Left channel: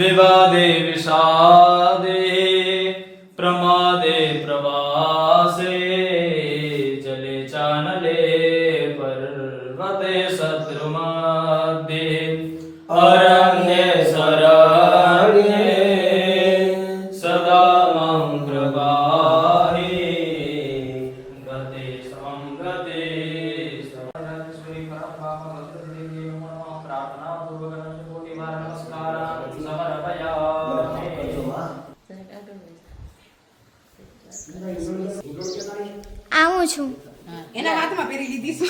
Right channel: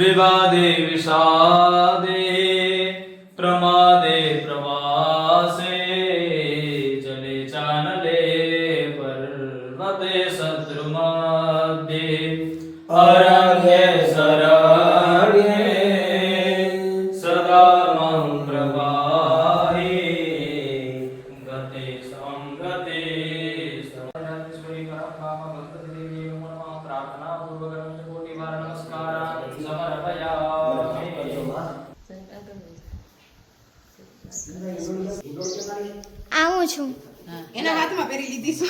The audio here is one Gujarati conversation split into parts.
विवादे विषादे प्रमादे प्रवासे जले चानले पर्वते शत्रुमध्ये अरण्ये शरण्ये सदा मंत्रवाहे गते संगते सर्वश्री परम भक्ति देवी नमः प्रार्थना पूर्वक कोटि बार नमस्कार આવું છું એના હાથમાં પહેરી લીધી છે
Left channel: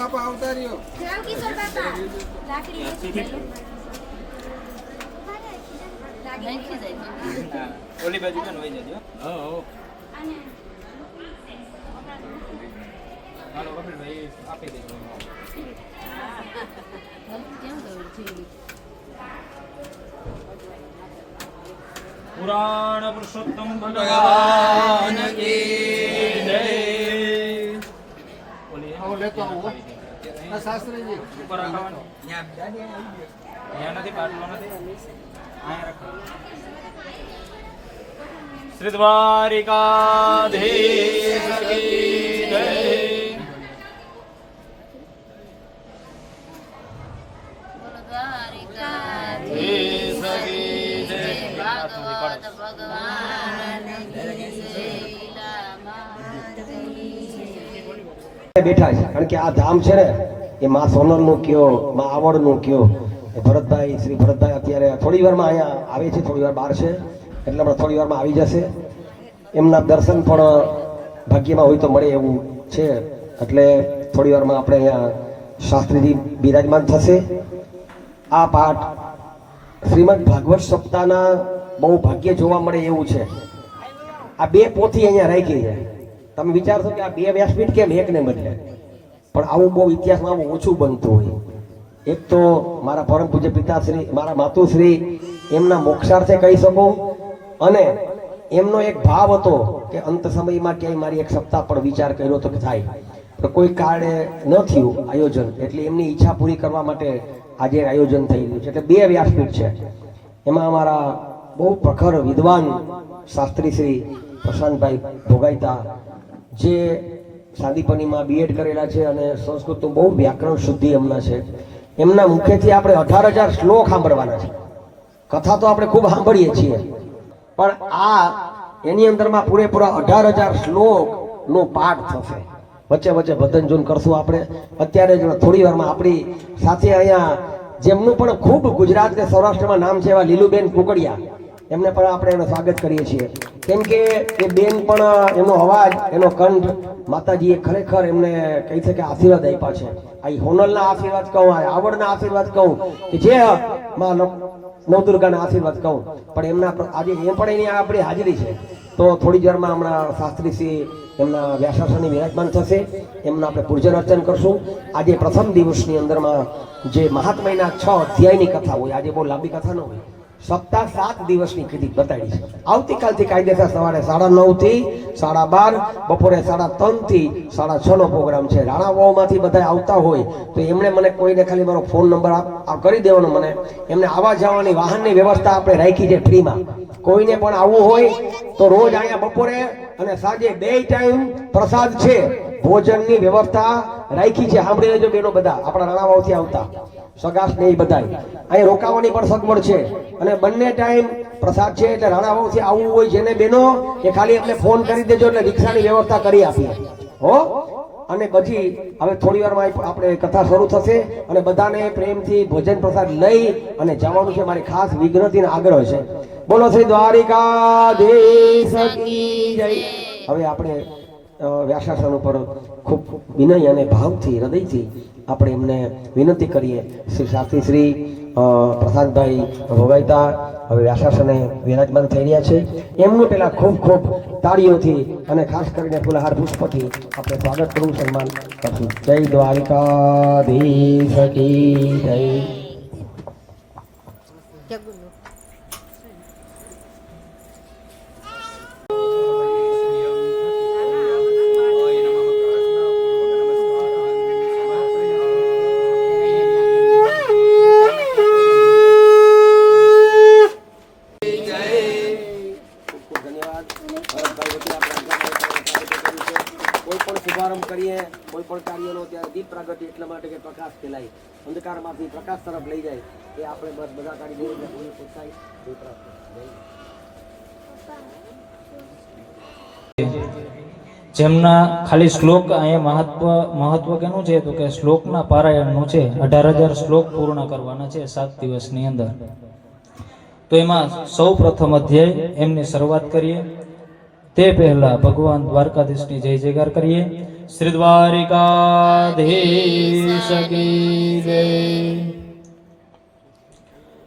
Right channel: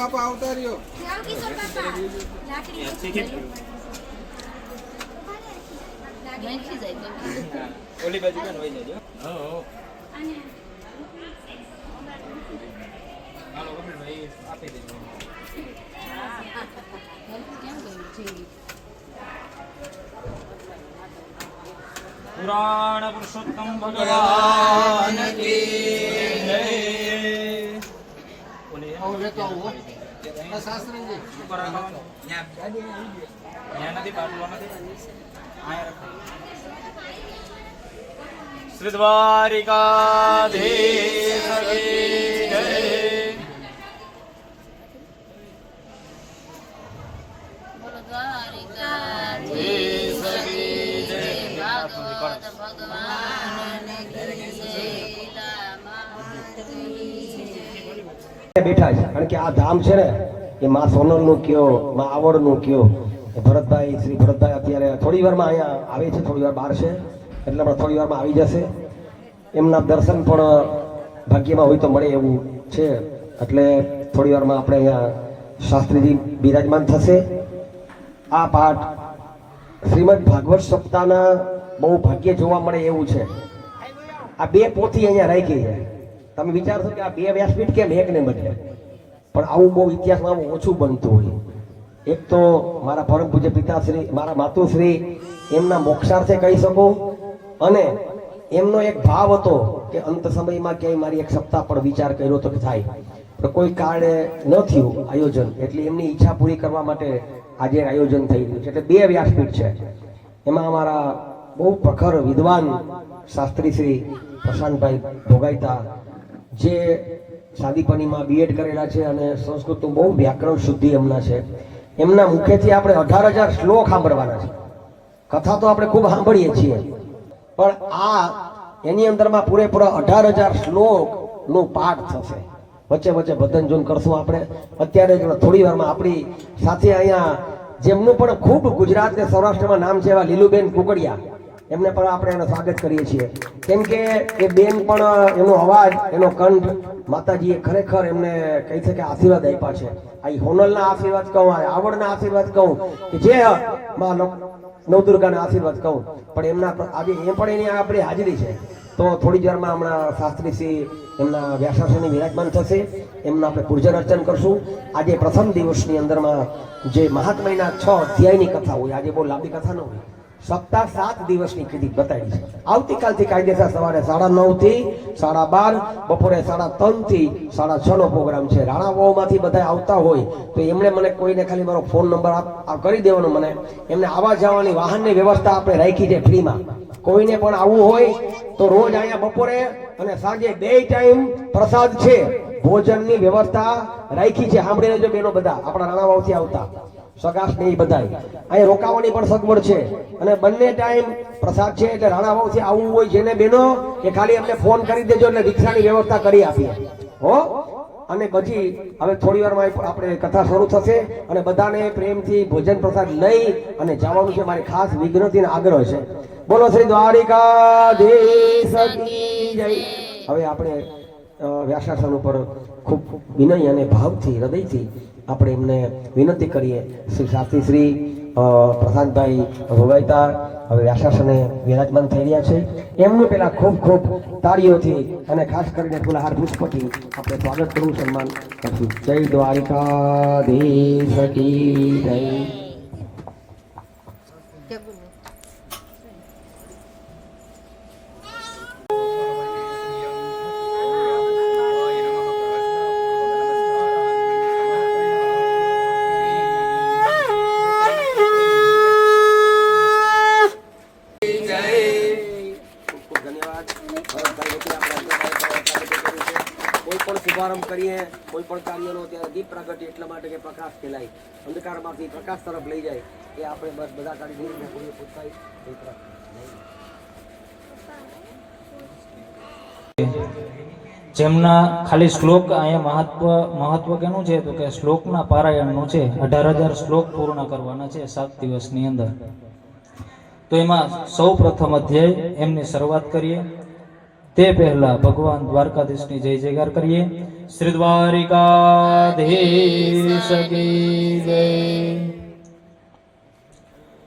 બાપા આવતા રહ્યો રામ કિશોર બાપા લાકડી નાખી જાય ઓલી બાજુ કોણ વહી જજો હાલો કપિલભાઈ આપી દેજો પુરાણ પુરુષોત્તમ ભગવાન કી જય ઓલી આવો લેતો આવો આ શાસ્ત્રીજી ઉપર રાખવાનું ત્યાં નથી પાટલો નથી અહીંયા રાખો શ્રી દ્વારિકાધીશ કી જય બોલો દ્વારિકાધીશ કી જય ભાગવત ભગવાન કી જય બેઠા છે કારણ કે આ ધામ છે ને એ માં સોનલનું કયો માં આવડનું કયો એ ભરતભાઈ શ્રી ભરતભાઈ અત્યારે થોડી વારમાં અહીંયા આવે છે, થોડી વાર બહાર છે એટલે આપણે થોડી વારમાં આવી જશે. એમના દર્શન પણ ભાગ્યમાં હોય તો મળે એવું છે એટલે થોડી વારમાં આપણે અહીંયા શાસ્ત્રીજી બિરાજમાન થશે. આ પાઠ શ્રીમદ ભાગવત સપ્તાહના બહુ ભાગ્ય જોવા મળે એવું છે. આ બે પોથી અહીંયા રાખી છે. તમે વિચારશો કે આ બે વ્યાસપીઠ કેમ એકને બદલે, પણ આવું બહુ ઇતિહાસમાં આવું ઓછું બનતું હોય. એક તો મારા પરમ પૂજ્ય પિતાશ્રી મારા માતુશ્રી એમના મોક્ષાર્થે કહી શકું, અને એમનો એક ભાવ હતો કે અંત સમયમાં ક્યાંય મારી એક સપ્તાહ પર વિચાર કર્યો તો કે થાય, પણ કોઈ કારણે ન થયું આયોજન, એટલે એમની ઈચ્છા પૂરી કરવા માટે આજે આયોજન થઈ રહ્યું છે. એટલે બે વ્યાસપીઠ છે. એમાં અમારા બહુ પ્રખર વિદ્વાન શાસ્ત્રી શ્રી પ્રશાંતભાઈ ભોગાઈતા જે સાદીપનીમાં બીએડ કરેલા છે અને સંસ્કૃતનું બહુ વ્યાકરણ શુદ્ધિ એમના છે. એમના મુખેથી આપણે 18,000 શ્લોક સાંભળવાના છે. કથા તો આપણે ખૂબ સાંભળીએ છીએ, પણ આ એની અંદરમાં પૂરેપૂરા 18,000 શ્લોકનો પાઠ થશે. વચ્ચે વચ્ચે ભજન કરશું આપણે. અત્યારે જ થોડી વારમાં આપણી સાથે અહીંયા જેમનું પણ ખૂબ ગુજરાત કે સૌરાષ્ટ્રમાં નામ છે એવા લીલુબેન કુકડિયા, એમને પણ આપણે એનું સ્વાગત કરીએ છીએ. કેમ કે એ બેન પણ એનો અવાજ એનો કંઠ માતાજીએ ખરેખર એમને કહી શકે આશીર્વાદ આપ્યા છે. આ હોનલના આશીર્વાદ કહું, આ આવડના આશીર્વાદ કહું, કે જે માં નવદુર્ગાના આશીર્વાદ કહું, પણ એમના આજે એ પણ એની આપણી હાજરી છે. તો થોડી જ વારમાં હમણાં શાસ્ત્રીશ્રી એમના વ્યાસાસને વિરાજમાન થશે. એમનું આપણે પૂજન અર્ચન કરશું. આજે પ્રથમ દિવસની અંદરમાં જે મહાત્મયના 6 અધ્યાયની કથા હોય, આજે બહુ લાંબી કથા ન હોય, સપ્તાહ 7 દિવસની કીધી બતાવી છે. આવતીકાલથી કાયદેસર સવારે 9:30 થી 12:30, બપોરે 3:30 થી 6:30 નો પ્રોગ્રામ છે. રાણાવાવમાંથી બધા આવતા હોય તો એમણે મને કોઈને ખાલી મારો ફોન નંબર કરી દેવાનો, મને એમને આવવા જવાની વાહનની વ્યવસ્થા આપણે રાખી છે ફ્રીમાં. કોઈને પણ આવવું હોય તો રોજ અહીંયા બપોરે અને સાંજે 2 ટાઈમ પ્રસાદ છે, ભોજનની વ્યવસ્થા રાખી છે. સાંભળી લેજો બેનો બધા આપણા રાણાવાવથી આવતા સગાસ ને એ બધા અહીં રોકાવાની પણ સગવડ છે, અને બંને ટાઈમ પ્રસાદ છે. એટલે રાણાવાવથી આવવું હોય જેને બેનો એ ખાલી અમને ફોન કરી દેજો એટલે રિક્ષાની વ્યવસ્થા કરી આપીએ હો. અને પછી હવે થોડી વારમાં આપણે કથા શરૂ થશે અને બધાને પ્રેમથી ભોજન પ્રસાદ લઈ અને જવાનું છે. મારી ખાસ વિનંતી અને આગ્રહ છે. બોલો શ્રી દ્વારિકાધીશ કી જય. હવે આપણે વ્યાસાસન ઉપર ખૂબ વિનય અને ભાવથી હૃદયથી આપણે એમને વિનંતી કરીએ. શ્રી શાસ્ત્રી શ્રી પ્રશાંતભાઈ ભોગાઈતા હવે વ્યાસાસને વિરાજમાન થઈ રહ્યા છે. એમનું પેલા ખૂબ ખૂબ તાળીઓથી અને ખાસ કરીને ફુલહાર પુષ્પથી આપણે સ્વાગત કરવું, સન્માન કરશું. જય દ્વારિકાધીશ કી જય. કોઈ પણ શુભારંભ કરીએ કોઈ પણ કાર્યનો ત્યારે દીપ પ્રાગટ્ય એટલા માટે કે પ્રકાશ ફેલાય, અંધકારમાંથી પ્રકાશ તરફ લઈ જાય. એ આપણે બસ બધા કાઢી દઈએ એટલે પૂરી પૂછાય. જેમના ખાલી શ્લોક અહીંયા મહત્વ કેનું છે તો કે શ્લોકના પારાયણનું છે. 18,000 શ્લોક પૂર્ણ કરવાના છે 7 દિવસની અંદર. તો એમાં સૌ પ્રથમ અધ્યાય એમની શરૂઆત કરીએ. તે પહેલા ભગવાન દ્વારકાધીશની જય જયકાર કરીએ. શ્રી દ્વારિકાધીશ કી જય.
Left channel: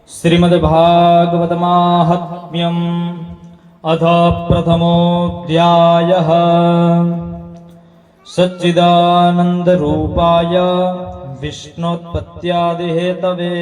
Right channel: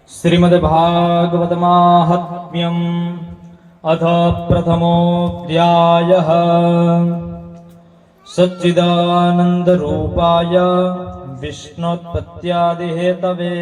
શ્રીમદ ભાગવત માહાત્મ્યમ अथ प्रथमोऽध्यायः सच्चिदानन्दरूपाय विष्णोत्पत्त्यादिहेतवे